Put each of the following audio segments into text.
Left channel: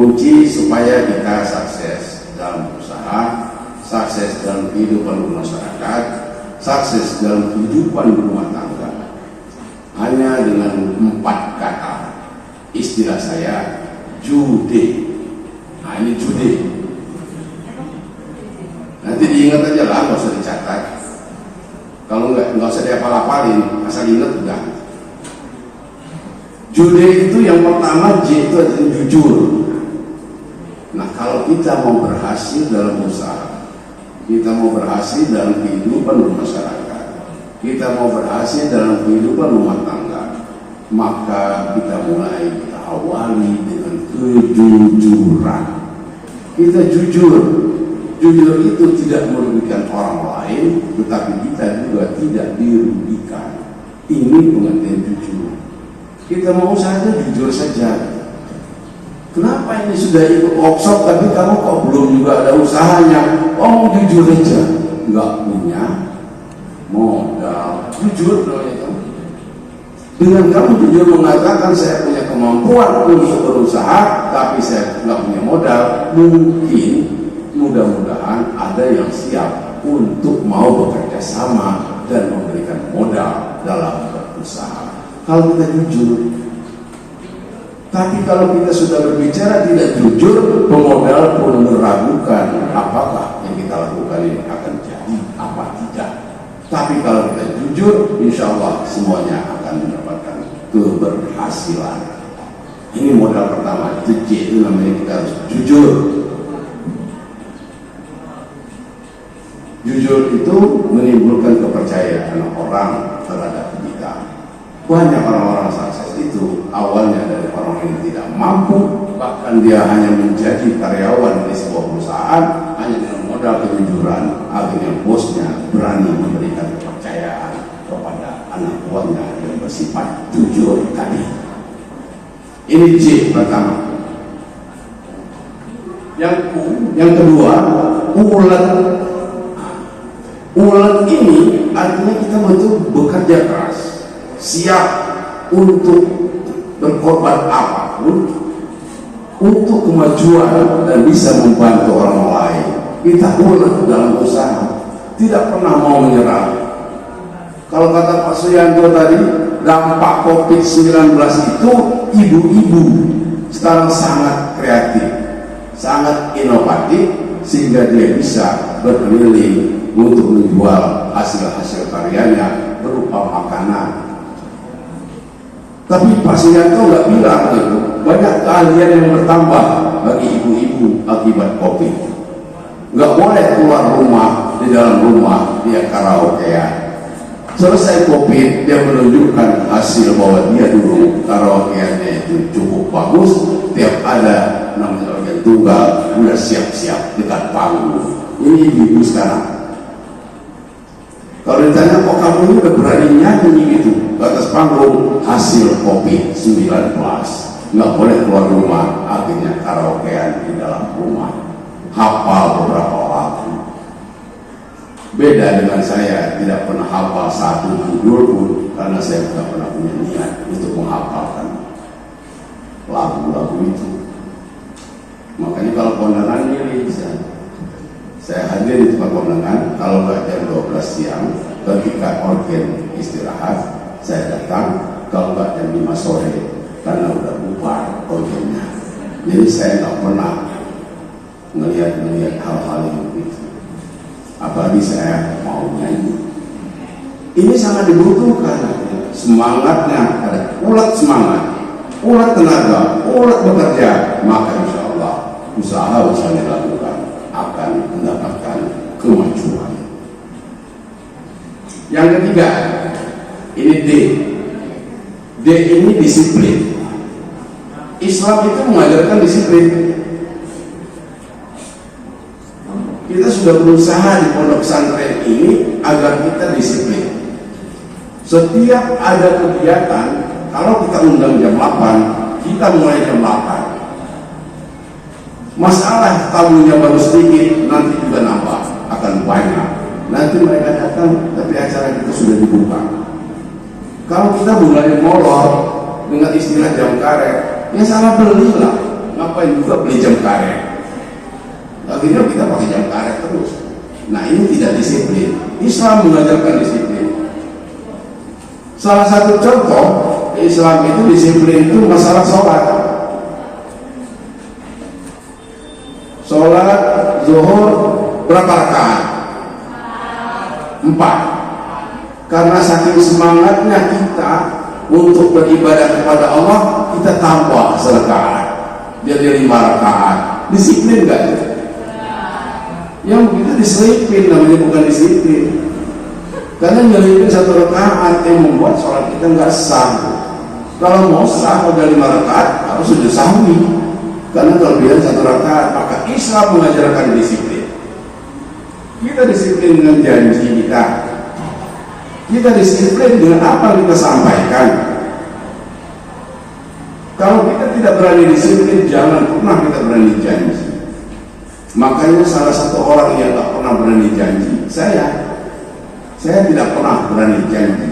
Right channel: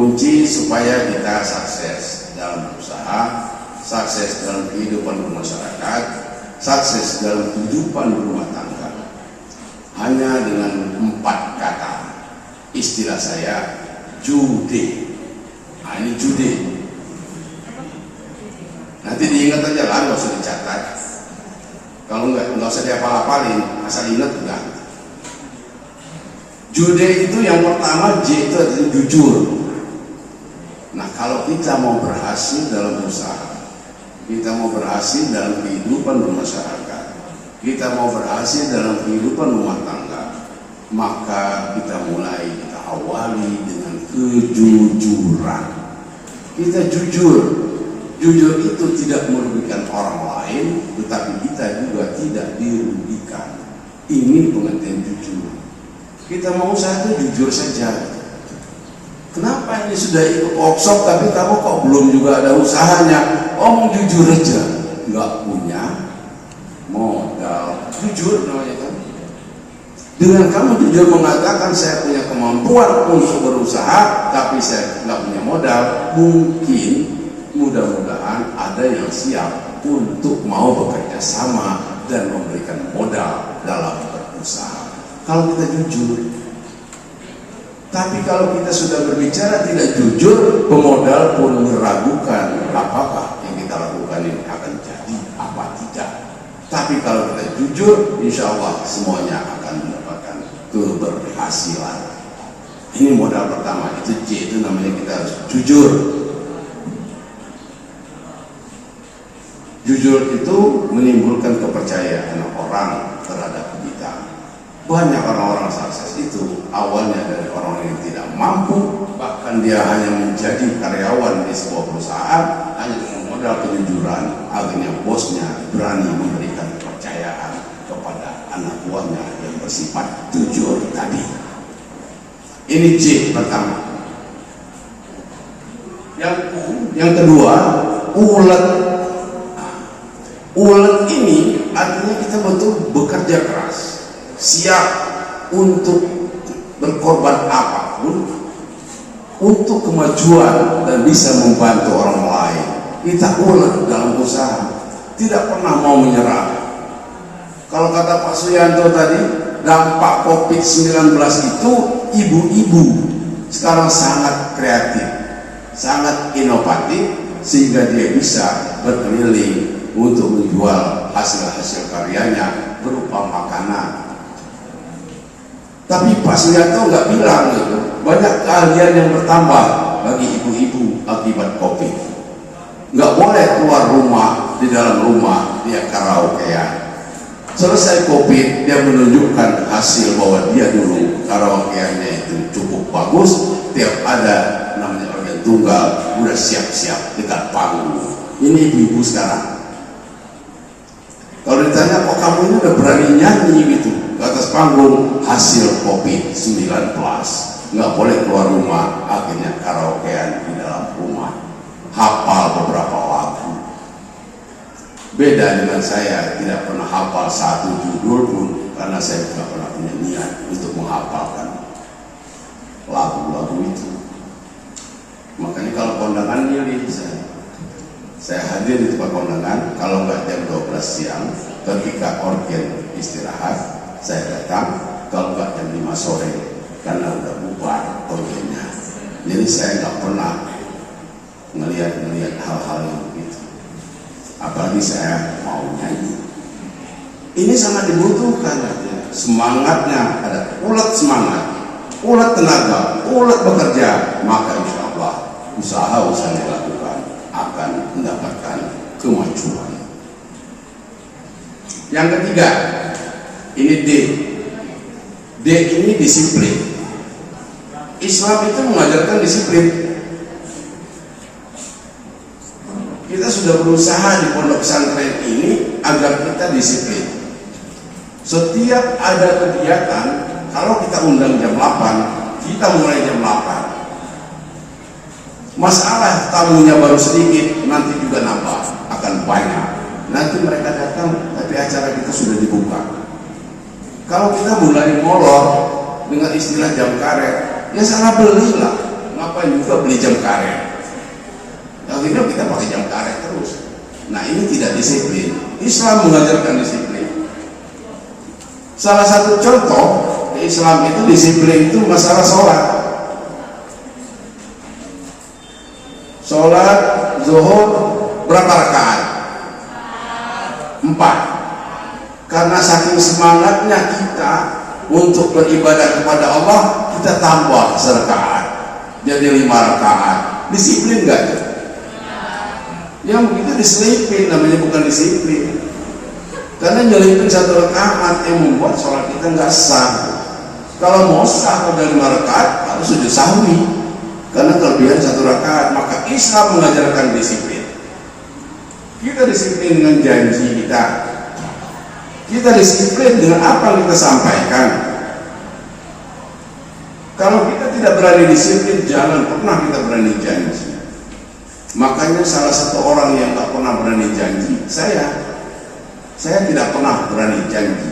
kunci supaya kita sukses dalam usaha, sukses dalam kehidupan bermasyarakat, sukses dalam kehidupan berumah tangga. Hanya dengan 4 kata. Istilah saya jude. Nah, ini jude. Nanti diingat aja lah, nggak usah dicatat. Kalau nggak usah dihafal-hafalin, asal ingat udah. Jude itu yang pertama, J itu adalah jujur. Nah, kalau kita mau berhasil dalam usaha, kita mau berhasil dalam kehidupan bermasyarakat, kita mau berhasil dalam kehidupan rumah tangga, maka kita awali dengan kejujuran. Kita jujur. Jujur itu tidak merugikan orang lain, tetapi kita juga tidak dirugikan. Ini pengertian jujur. Kita mau usahanya jujur saja. Kenapa ini sudah ikut workshop tapi kamu kok belum juga ada usahanya? Oh, mau jujur aja, nggak punya modal. Jujur namanya itu. Dengan kamu jujur mengatakan saya punya kemampuan untuk berusaha, tapi saya nggak punya modal, mungkin mudah-mudahan ada yang siap untuk mau bekerja sama dan memberikan modal dalam berusaha. Kalau kita jujur. Tapi kalau kita sudah berbicara tidak jujur, pemodal pun meragukan apakah yang kita lakukan ini akan jadi apa tidak. Tapi kalau kita jujur, insya Allah semuanya akan mendapatkan keberhasilan. Ini modal pertama, itu J, itu namanya kita harus jujur. Jujur itu menimbulkan kepercayaan orang terhadap kita. Banyak orang-orang sukses itu awalnya dari orang yang tidak mampu, bahkan dia hanya menjadi karyawan di sebuah perusahaan hanya dengan modal kejujuran. Akhirnya bosnya berani memberikan kepercayaan kepada anak buahnya yang bersifat jujur tadi. Ini J pertama. Yang kedua, ulet. Ulet ini artinya kita betul bekerja keras, siap untuk berkorban apapun untuk kemajuan dan bisa membantu orang lain. Kita ulet dalam usaha, tidak pernah mau menyerah. Kalau kata Pak Suyanto tadi, dampak COVID-19 itu ibu-ibu sekarang sangat kreatif, sangat inovatif, sehingga dia bisa berkeliling untuk menjual hasil-hasil karyanya berupa makanan. Tapi Pak Suyanto nggak bilang gitu, banyak keahlian yang bertambah bagi ibu-ibu akibat COVID. Nggak boleh keluar rumah, di dalam rumah dia karaokean. Selesai COVID, dia menunjukkan hasil bahwa dia dulu karaokeannya itu cukup bagus. Tiap ada namanya organ tunggal, udah siap-siap dekat panggung. Ini ibu-ibu sekarang. Kalau ditanya kok kamu ini udah berani nyanyi gitu ke atas panggung, hasil COVID-19, nggak boleh keluar rumah, akhirnya karaokean di dalam rumah, hafal beberapa lagu. Beda dengan saya, tidak pernah hafal satu judul pun karena saya tidak pernah punya niat untuk menghafalkan lagu-lagu itu. Makanya kalau kondangan ini saya hadir di tempat kondangan, kalau nggak jam 12 siang, ketika organ istirahat, saya datang, kalau nggak jam 5 sore, karena udah bubar organnya. Jadi saya nggak pernah melihat hal-hal yang begitu. Apalagi saya mau nyanyi. Ini sangat dibutuhkan, semangatnya ada, ulet semangat, ulet tenaga, ulet bekerja, maka insya Allah usaha-usaha yang dilakukan akan mendapatkan kemajuan. Yang ketiga, ini D. D ini disiplin. Islam itu mengajarkan disiplin. Kita sudah berusaha di pondok pesantren ini agar kita disiplin. Setiap ada kegiatan, kalau kita undang jam 8, kita mulai jam 8. Masalah tamunya baru sedikit, nanti juga nambah, akan banyak. Nanti mereka datang, tapi acara kita sudah dibuka. Kalau kita mulai molor dengan istilah jam karet, ya salah belilah, nggak ngapain juga beli jam karet. Akhirnya kita pakai jam karet terus. Nah ini tidak disiplin. Islam mengajarkan disiplin. Salah satu contoh Islam itu disiplin itu masalah sholat. Sholat zuhur berapa rakaat? 4. Karena saking semangatnya kita untuk beribadah kepada Allah, kita tambah serakaat jadi 5 rakaat. Disiplin gak? Yang begitu diselipin, namanya bukan disiplin. Karena nyelipin 1 rakaat yang membuat sholat kita nggak sah. Kalau mau sah pada 5 rakaat harus sujud sahwi. Karena kelebihan 1 rakaat. Maka Islam mengajarkan disiplin. Kita disiplin dengan janji kita. Kita disiplin dengan apa yang kita sampaikan. Kalau kita tidak berani disiplin, jangan pernah kita berani janji. Makanya salah satu orang yang tak pernah berani janji, saya tidak pernah berani janji.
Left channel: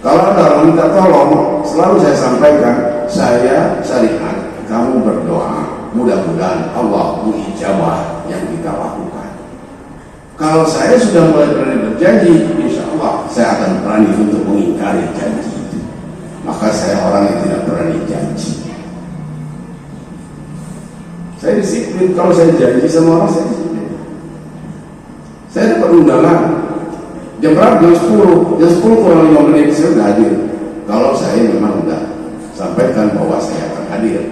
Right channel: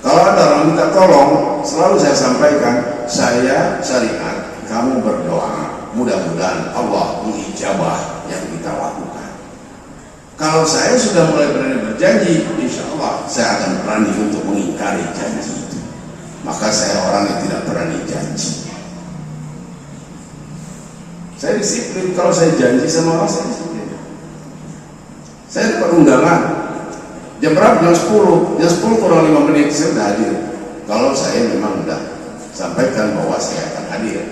Kalau ada orang minta tolong, selalu saya sampaikan, saya syariat, kamu berdoa, mudah-mudahan Allah mengijabah yang kita lakukan. Kalau saya sudah mulai berani berjanji, insya Allah saya akan berani untuk mengingkari janji itu. Maka saya orang yang tidak berani janji. Saya disiplin. Kalau saya janji sama orang, saya disiplin. Saya dapat undangan jam berapa? Jam 10. Jam 10 kurang 5 menit saya sudah hadir. Kalau saya memang sudah sampaikan bahwa saya akan hadir.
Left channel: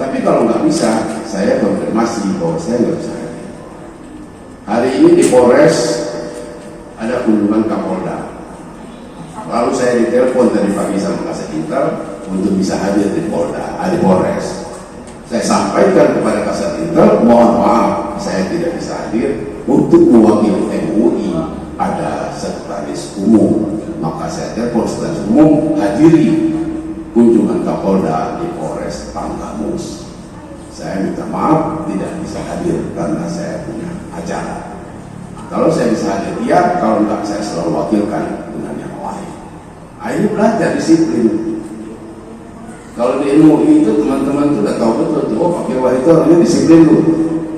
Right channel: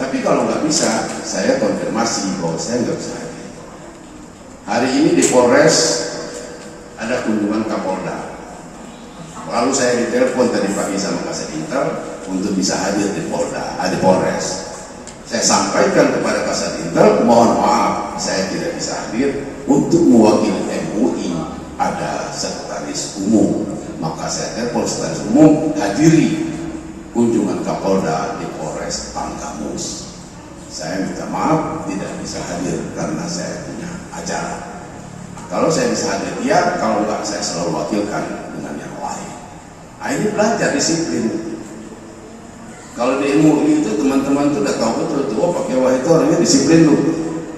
Tapi kalau nggak bisa, saya konfirmasi bahwa saya nggak bisa hadir. Hari ini di Polres ada kunjungan Kapolda. Lalu saya ditelepon tadi pagi sama Kasih Intel untuk bisa hadir di Polres. Saya sampaikan kepada Kasat Intel, mohon maaf saya tidak bisa hadir untuk mewakili MUI, ada sekretaris umum. Maka saya telepon sekretaris umum hadiri kunjungan Kapolda di Polres Tanggamus. Saya minta maaf tidak bisa hadir karena saya punya acara. Kalau saya bisa hadir ya, kalau enggak saya selalu wakilkan dengan yang lain. Nah, ini belajar disiplin. Kalau di MUI itu teman-teman itu udah tahu betul, oh Pak Dewa itu orangnya disiplin tuh.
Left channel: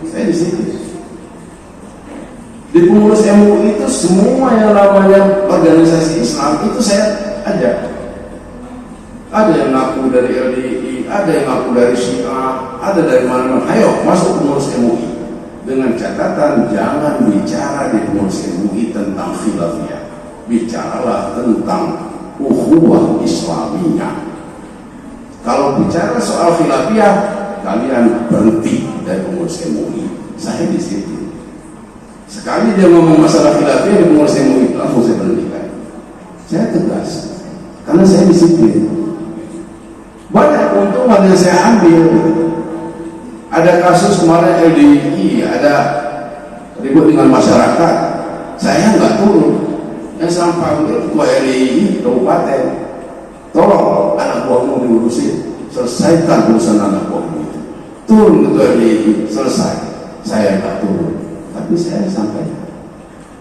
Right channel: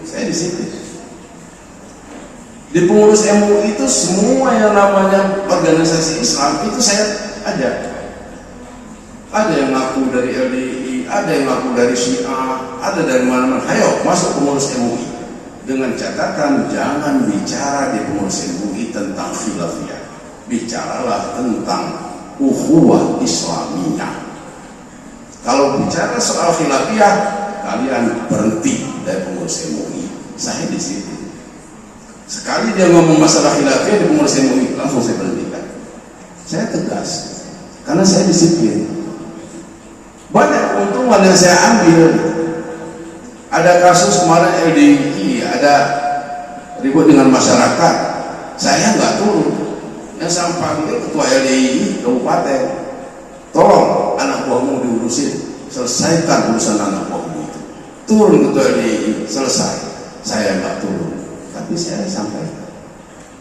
Saya disiplin. Di pengurus MUI itu semua yang namanya organisasi Islam itu saya ajak. Ada yang ngaku dari LDI, ada yang ngaku dari Syiah, ada dari mana-mana. Ayo masuk pengurus MUI. Dengan catatan jangan bicara di pengurus MUI tentang khilafiyah. Bicaralah tentang ukhuwah Islamiyah. Kalau bicara soal khilafiyah, kalian berhenti dari pengurus MUI. Saya disiplin. Sekali dia ngomong masalah khilafiyah di pengurus MUI, langsung saya berhentikan. Saya tegas, karena saya disiplin. Banyak keuntungan yang saya ambil. Ada kasus kemarin LDI, ada ribut dengan masyarakat. Saya nggak turun. Yang sampah itu ketua LDI kabupaten. Tolong anak buahmu diurusin, selesaikan urusan anak buahmu itu. Turun ketua LDI, selesai. Saya nggak turun, tapi saya sampaikan.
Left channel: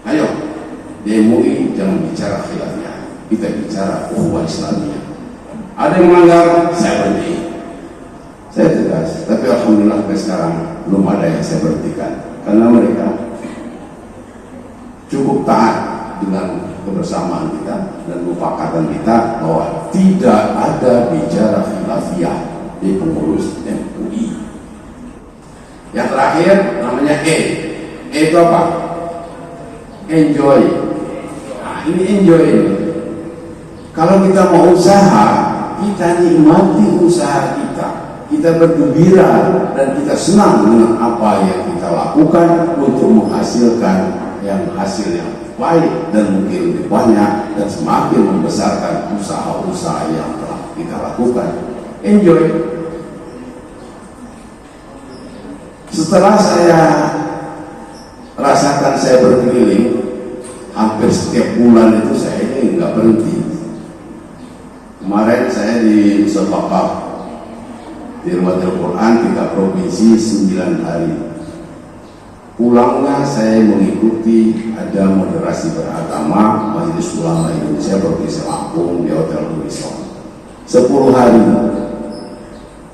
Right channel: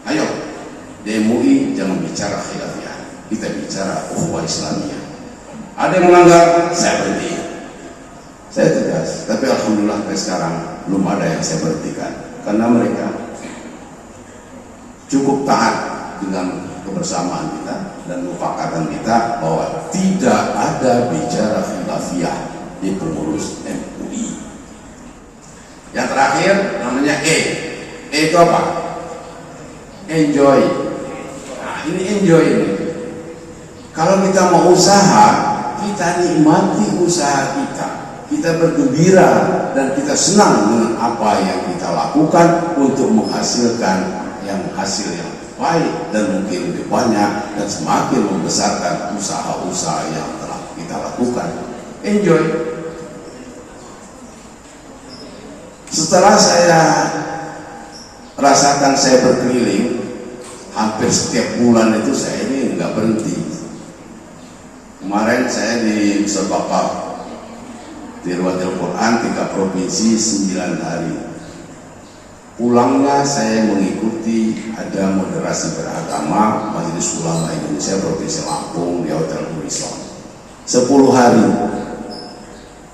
Ayo, di MUI jangan bicara khilafiyah, kita bicara ukhuwah Islamiyah. Ada yang melanggar, saya berhenti. Saya tegas, tapi alhamdulillah sampai sekarang belum ada yang saya berhentikan, karena mereka cukup taat dengan kebersamaan kita dan mufakatan kita bahwa tidak ada bicara khilafiyah di pengurus MUI. Yang terakhir namanya E itu apa? Enjoy. Nah ini enjoy ini. Kalau kita mau usaha, kita nikmati usaha kita. Kita bergembira dan kita senang dengan apa yang kita lakukan untuk menghasilkan hasil yang baik dan mungkin lebih banyak dan semakin membesarkan usaha-usaha yang telah kita lakukan. Enjoy. Setelah saya rasakan saya berkeliling, hampir setiap bulan itu saya ini nggak berhenti. Kemarin saya di Sebakah di Ruatul Quran 3 provinsi 9 hari. Pulangnya saya mengikuti ada moderasi beragama Majelis Ulama Indonesia Provinsi Lampung di Hotel Horizon 10 hari.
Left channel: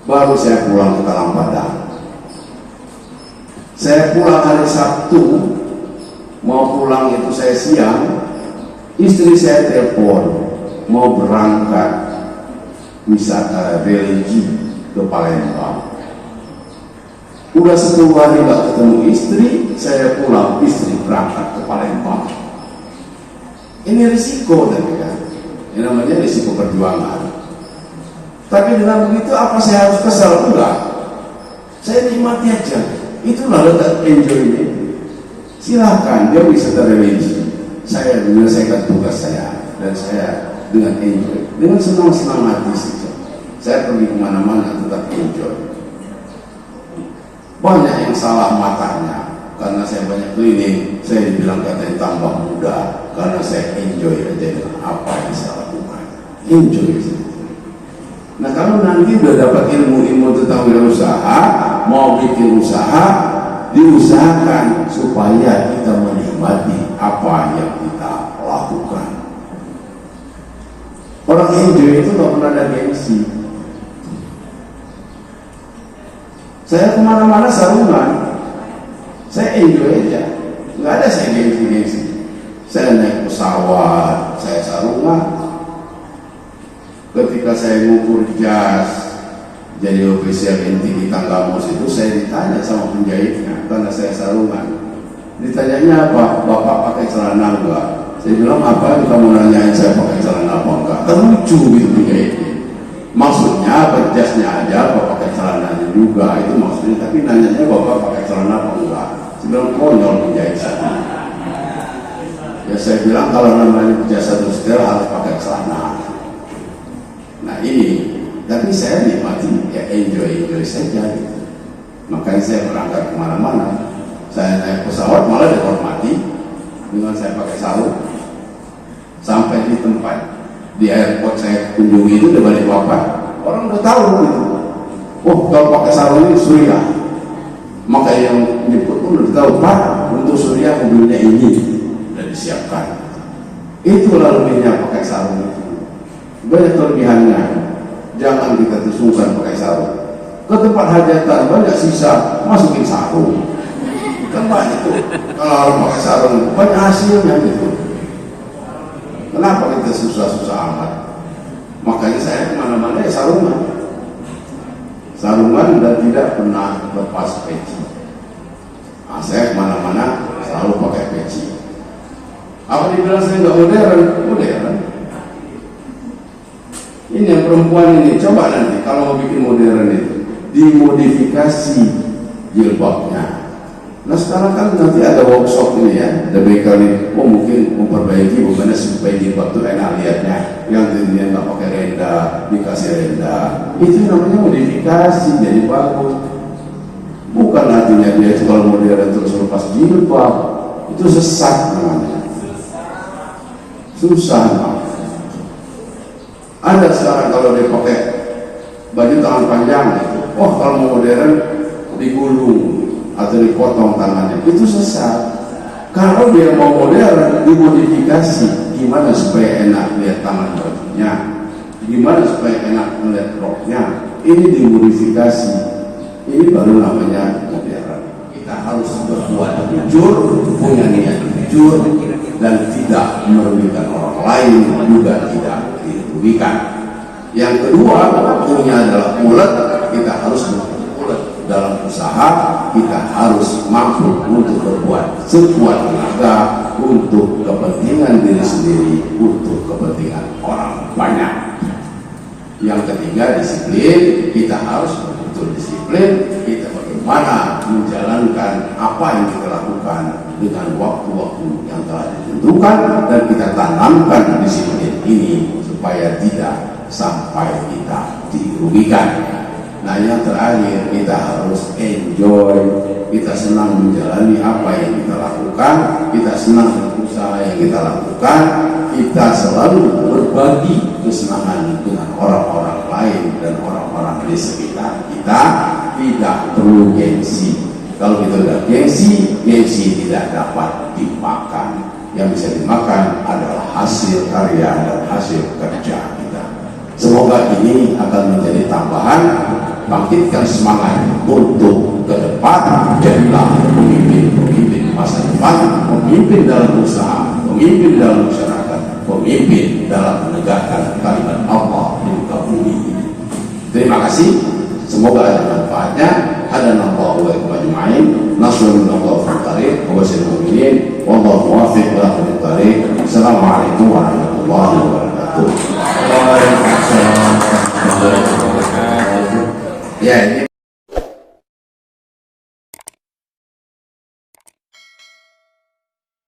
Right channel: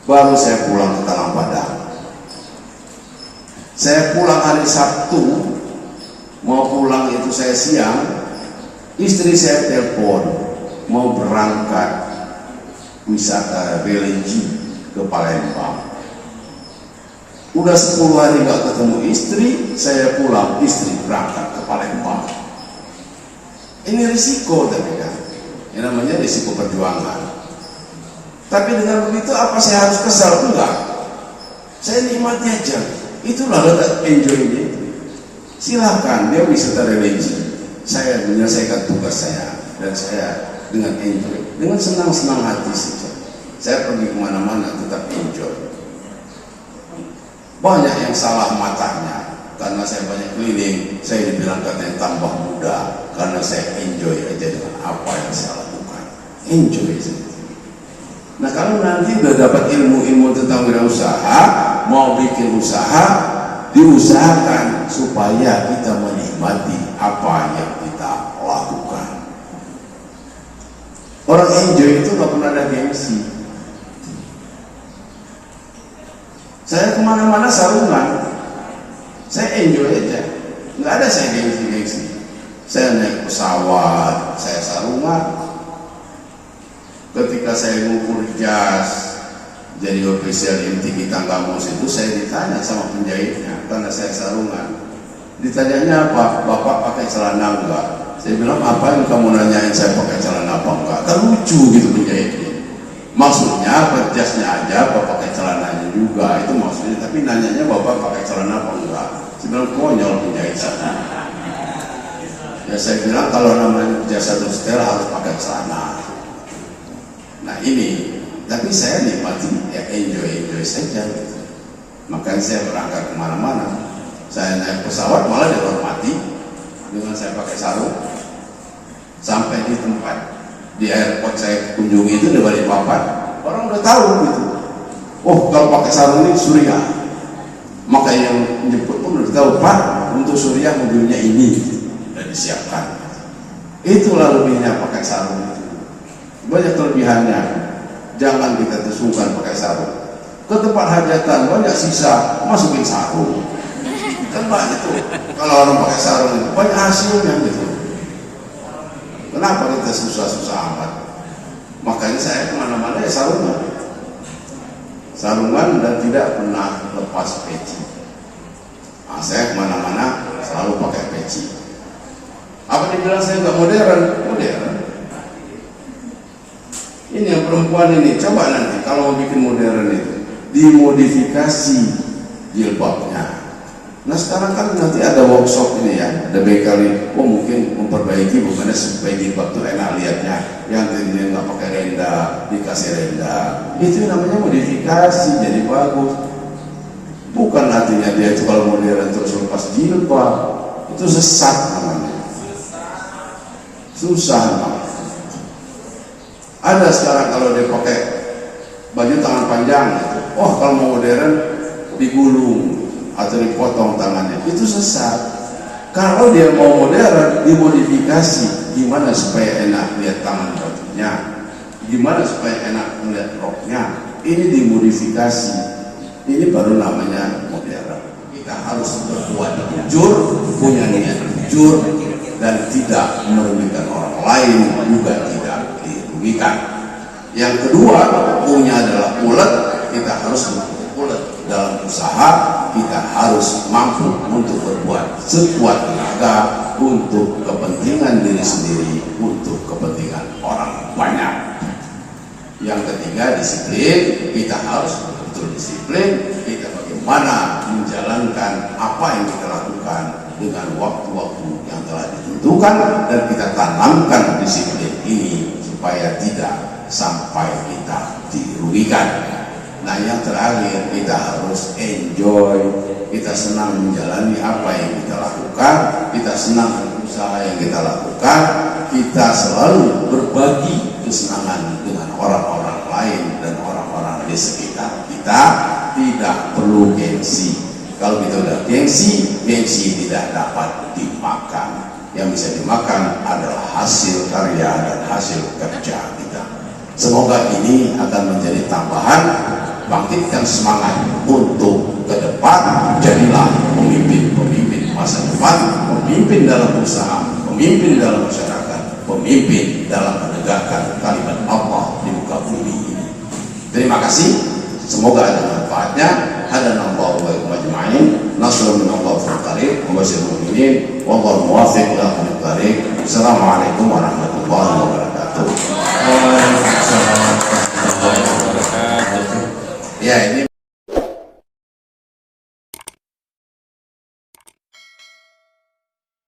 baru saya pulang ke Talang Padang. Saya pulang hari Sabtu, mau pulang itu saya siang, istri saya telepon mau berangkat wisata religi ke Palembang. Udah 10 hari gak ketemu istri, saya pulang, istri berangkat ke Palembang. Ini risiko, tapi kan ini namanya risiko perjuangan. Tapi dengan begitu apa saya harus kesal? Enggak, saya nikmati aja. Itulah letak enjoy-nya. Silahkan dia wisata religi, saya menyelesaikan tugas saya, dan saya dengan enjoy, dengan senang-senang hati saja. Saya pergi kemana-mana tetap enjoy. Banyak yang salah matanya, karena saya banyak keliling, saya dibilang katanya tambah muda, karena saya enjoy aja dengan apa yang saya lakukan. Enjoy saja. Nah, kalau nanti udah dapat ilmu-ilmu tentang wirausaha, mau bikin usaha, diusahakan supaya kita menikmati apa yang kita lakukan. Orang enjoy itu gak pernah ada gengsi. Saya kemana-mana sarungan, saya enjoy aja, nggak ada saya gengsi-gengsi. Saya naik pesawat, saya sarungan. Ketika saya ngukur jas jadi official inti kita kamus itu, saya ditanya sama penjahitnya karena saya sarungan. Ditanyanya apa? Bapak pakai celana enggak? Saya bilang, apa yang kamu nanyain saya pakai celana apa enggak? Kan lucu gitu penjahitnya. Maksudnya jasnya aja, apa pakai celananya juga, itu maksudnya. Tapi nanyanya bapak pakai celana apa enggak? Saya bilang, konyol penjahit satu. Ya saya bilang kalau namanya jas satu setel harus pakai celana. Nah ini, tapi saya nikmati, ya enjoy saja. Makanya saya berangkat kemana-mana. Saya naik pesawat malah dihormati dengan saya pakai sarung. Sampai di tempat di airport saya kunjungi itu di Balikpapan, orang udah tahu gitu. Oh, kalau pakai sarung ini Surya. Maka yang jemput pun udah tahu, Pak, untuk Surya mobilnya ini sudah disiapkan. Itulah lebihnya pakai sarung itu. Banyak kelebihannya. Jangan kita tersungkan pakai sarung. Ke tempat hajatan banyak sisa, masukin sarung. Kan banyak tuh. Kalau orang pakai sarung banyak hasilnya gitu. Kenapa kita susah-susah amat? Makanya saya kemana-mana ya sarungan. Sarungan dan tidak pernah lepas peci. Nah, saya kemana-mana selalu pakai peci. Apa dibilang saya nggak modern? Modern. Ini yang perempuan ini, coba nanti kalau mau bikin modern itu dimodifikasi jilbabnya. Nah sekarang kan nanti ada workshop ini ya, ada bakery, mungkin memperbaiki bukannya supaya jilbab itu enak lihatnya, yang dirinya nggak pakai renda, dikasih renda, itu namanya modifikasi jadi bagus. Bukan artinya dia itu kalau modern terus lepas jilbab, itu sesat namanya, susah. Ada sekarang kalau dia pakai baju tangan panjang gitu, kalau mau modern digulung atau dipotong tangannya, itu sesat. Kalau dia mau modern dimodifikasi, gimana supaya enak lihat tangan bajunya, gimana supaya enak melihat roknya, ini dimodifikasi. Ini baru namanya modern. Kita harus berbuat jujur, punya niat jujur, dan tidak merugikan orang lain, juga tidak dirugikan. Yang kedua, punya adalah ulet, kita harus ulet dalam usaha. Kita harus mampu untuk berbuat sekuat tenaga untuk kepentingan diri sendiri, untuk kepentingan orang banyak. Yang ketiga, disiplin. Kita harus betul disiplin. Kita bagaimana menjalankan apa yang kita lakukan dengan waktu-waktu yang telah ditentukan, dan kita tanamkan disiplin ini supaya tidak sampai kita dirugikan. Nah yang terakhir, kita harus enjoy, kita senang menjalani apa yang kita lakukan, kita senang dengan usaha yang kita lakukan, kita selalu berbagi kesenangan dengan orang-orang lain dan orang-orang di sekitar kita. Tidak perlu gengsi. Kalau kita udah gengsi, gengsi tidak dapat dimakan. Yang bisa dimakan adalah hasil karya dan hasil kerja kita. Semoga ini akan menjadi tambahan, bangkitkan semangat untuk ke depan. Jadilah pemimpin masa depan, pemimpin dalam usaha, pemimpin dalam masyarakat, pemimpin dalam menegakkan kalimat Allah di muka bumi ini. Terima kasih. Semoga